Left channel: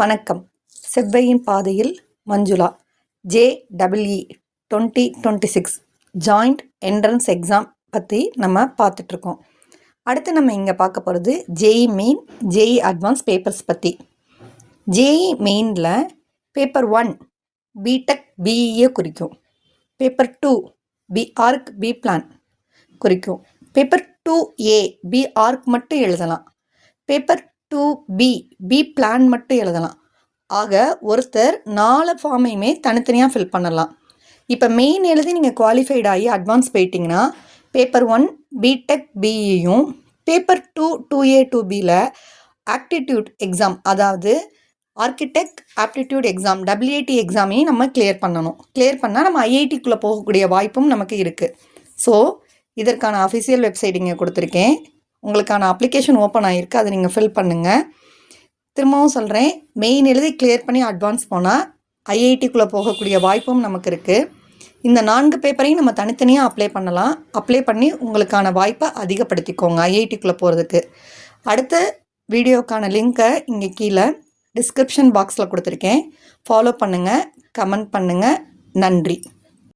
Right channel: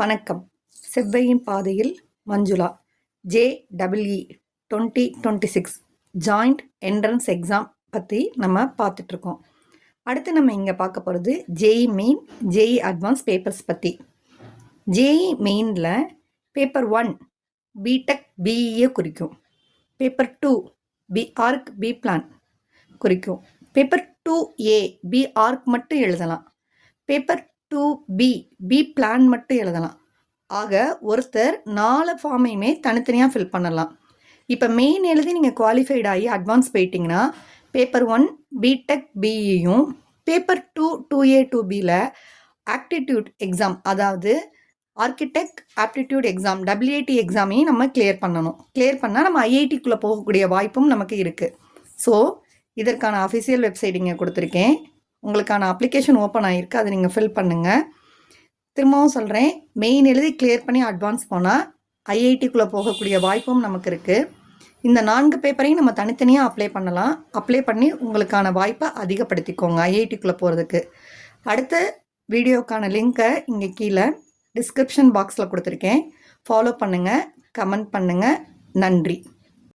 வணக்கம். செவ்வையின் பாதையில் Manjula JEE 2026 joint entrance exam பற்றி நம்ம பார்த்துட்ருக்கோம். அடுத்து நம்ம இங்கே பார்க்க போகிறது JEE main JEE advance papers பற்றி. JEE மெயினில் பேப்பர் 1 பிடெக் BEA குறிக்கும். பேப்பர் 2 BArch B பிளான் குறிக்கும். பேப்பர் 2A BArch மட்டும் எழுதலாம். பேப்பர் 2B B பிளான் மட்டும் எழுதலாம். ஆக ஒருத்தர் 4 ஃபார்மையுமே தனித்தனியாக ஃபில் பண்ணலாம். இப்போ மெயின் எழுதி நீங்கள் குவாலிஃபைட் ஆகி அட்வான்ஸ் போயிட்டீங்கன்னா பேப்பர் 1 பிடெக் பிஇயும் பேப்பர் 2 2A 2Bயில் ஆப்டிடியூட் எக்ஸாம், அதாவது ஆர்கிடெக்ட் ஆப்டிடியூட் எக்ஸாம் WAT எக்ஸாமையும் நம்ம கிளியர் பண்ணணும். கிளியர் பண்ணால் நம்ம IITக்குள்ளே போகக்கூடிய வாய்ப்பும் நமக்கு இருக்குது. ஸோ இதற்கான அஃபிஷியல் வெப்சைட் இங்கே கொடுத்துருக்கேன். உங்களுக்கான அப்ளிகேஷன் ஓப்பன் ஆகிருக்கு, அதை நீங்கள் ஃபில் பண்ணுங்கள். திரும்பவும் சொல்கிறேன், மெயின் எழுதி கிளியர் பண்ணி அட்வான்ஸ் போனால் IITக்குள்ளே போகக்கூடிய வாய்ப்பும் நமக்கு இருக்குது. இந்த 4 பேப்பரையும் நம்ம தனித்தனியாக அப்ளை பண்ணலாம். அப்ளை பண்ணி உங்களுக்கான வாய்ப்பை அதிகப்படுத்திக்கோங்க IITக்குள்ளே போகிறதுக்கு. அடுத்த வீடியோக்கான லிங்க்கை இங்கே கீழே டிஸ்கிரிப்ஷன் பாக்ஸில் கொடுத்துருக்கேன். ஃபாலோ பண்ணுங்கள், கமெண்ட் பண்ணுங்கள். நன்றி.